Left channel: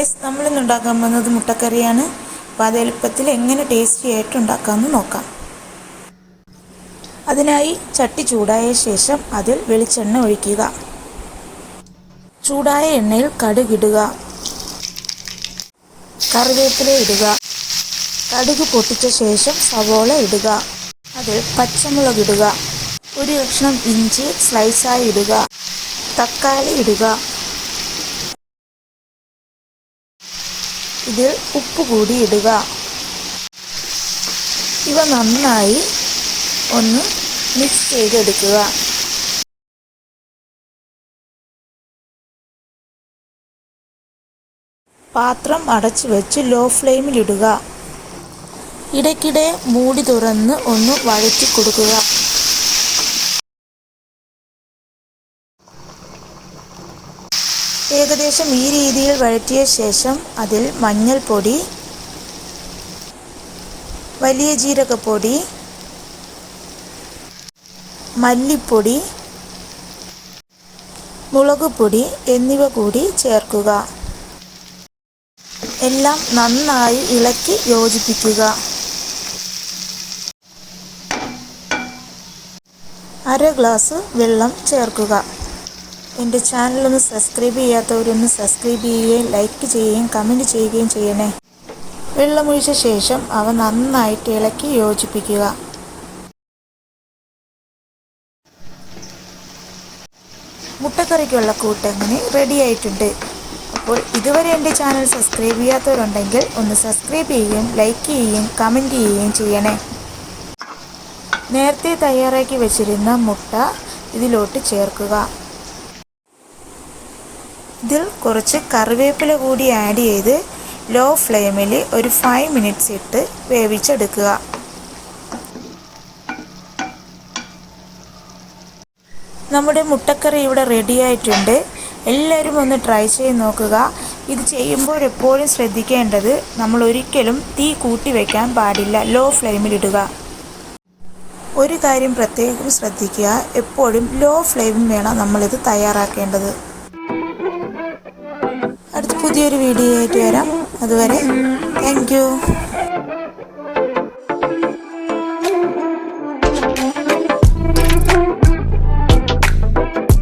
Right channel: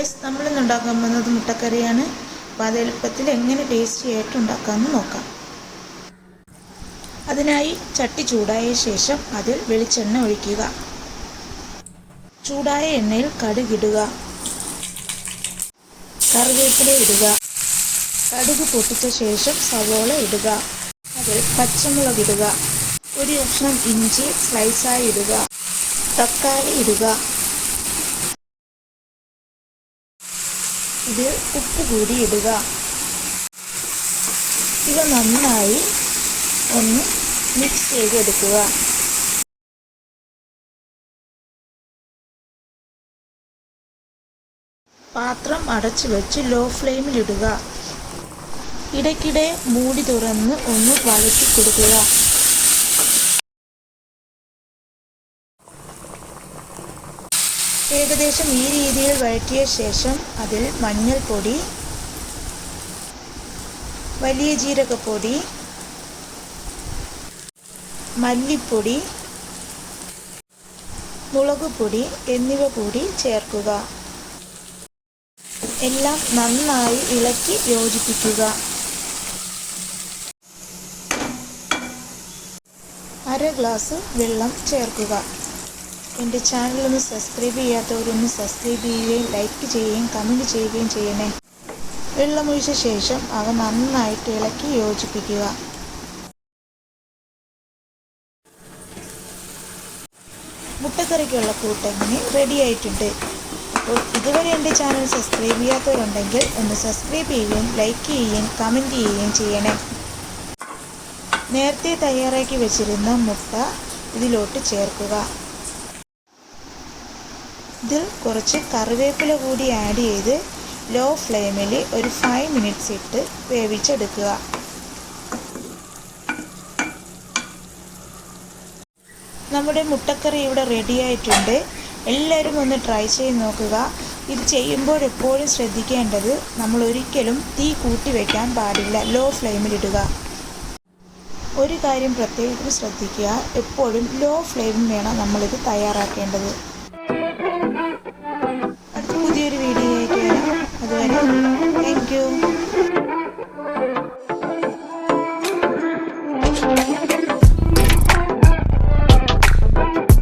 Guys, നമ്മളിന്ന് ഉണ്ടാക്കാൻ പോകുന്നത് മുട്ടക്കറിയാണ്. അപ്പോൾ അത് എളുപ്പത്തിൽ എങ്ങനെ ടേസ്റ്റി ആയിട്ട് ഉണ്ടാക്കാമെന്ന് നോക്കാം. അതിനായി ചട്ടി ചൂടായ ശേഷം അതിൽ വെളിച്ചെണ്ണ ഒഴിക്കുക. ചൂടായ എണ്ണയിൽ കടുകിടുക, കറിവേപ്പില ഇടുക. കടുക് പൊട്ടിച്ച ശേഷം സവോള ഇടുക. അതിൽ പച്ചമുളക് ഇടുക. ഒരു കഷ്ണം ഇഞ്ചി സ്ലൈസായി ഇടുക. തക്കാളി ഇടുക. ഇതിൽ ഉപ്പ് കൂടി ഇടുക. ഇവ നന്നായി ഒന്ന് മിക്സ് ചെയ്തെടുക്കുക. പാത്രം അടച്ചു വെച്ച് ലോ ഫ്ലെയിമിലിടുക. ഇടയ്ക്കിടെ മൂടി തുറന്ന് ഒന്ന് വഴറ്റി കൊടുക്കുക. ഏകദേശം ഈ രീതിയിൽ വഴറ്റിയ ശേഷം അതിൽ മഞ്ഞൾപ്പൊടി, വലിയ ജീരകപ്പൊടി, മല്ലിപ്പൊടി, മുളകുപൊടി എന്നിവ കൂടി ചേർക്കുക. എല്ലാം നന്നായി ഇളക്കി യോജിപ്പിക്കുക. അര ഗ്ലാസ് വെള്ളം ചേർക്കുക. എൻ്റെ ചാനലൊന്ന് സബ്സ്ക്രൈബ് ചെയ്യാത്തവരൊന്ന് സബ്സ്ക്രൈബ് ചെയ്യുകയും ലൈക്ക് ചെയ്യുകയും കമൻറ്റ് ചെയ്യുകയും ചെയ്യണേ. വെള്ളമൊഴിച്ച ശേഷം അവ നന്നായിട്ട് ഇളക്കി യോജിപ്പിക്കുക. മുട്ടക്കറിക്കുള്ള കൂട്ടങ്ങനെ റെഡി ആയിട്ടുണ്ട്. അപ്പോൾ ഇതുവരെ എൻ്റെ ചാനൽ സബ്സ്ക്രൈബ് ചെയ്യാത്തവരുണ്ടെങ്കിൽ ഒന്ന് സബ്സ്ക്രൈബ് ചെയ്യുകയും ലൈക്ക് ചെയ്യുകയും കമൻറ്റ് ചെയ്യുകയും ചെയ്യണേ. നേരത്തെ തയ്യാറാക്കി വെച്ചിരുന്ന മുട്ട ഇതിലോട്ട് ചേർക്കുക. ഇതിൽ കുറച്ച് കറിവേപ്പില കൂടി ആഡ് ചെയ്ത് ലോ ഫ്ലെയിമിൽ ഒരു 5 മിനിറ്റ്സ് ഇട്ട് വേവിച്ചെടുക്കുക. നമ്മുടെ മുട്ടക്കറി ഇവിടെ റെഡി ആയിട്ടുണ്ട്. എല്ലാവരും ഒന്ന് ട്രൈ ചെയ്ത് നോക്കുക. ഇത് ചെയ്യുമ്പോൾ എപ്പോഴും ശ്രദ്ധിക്കേണ്ടത് നമ്മൾ ഒരിക്കലും തീ കൂട്ടി വയ്ക്കാൻ പാടില്ല, ലോ ഫ്ലെയിമിലിടുക. ഒരു കാര്യം പ്രത്യേകം ശ്രദ്ധിക്കുക, എപ്പോഴും ലോ ഫ്ലെയിമിൽ വേണം നമ്മളിത് തയ്യാറാക്കേണ്ടത്. അടുത്ത പുതിയൊരു വീഡിയോ ആയിട്ട് വരാം. അതുവരെ താങ്ക് യു.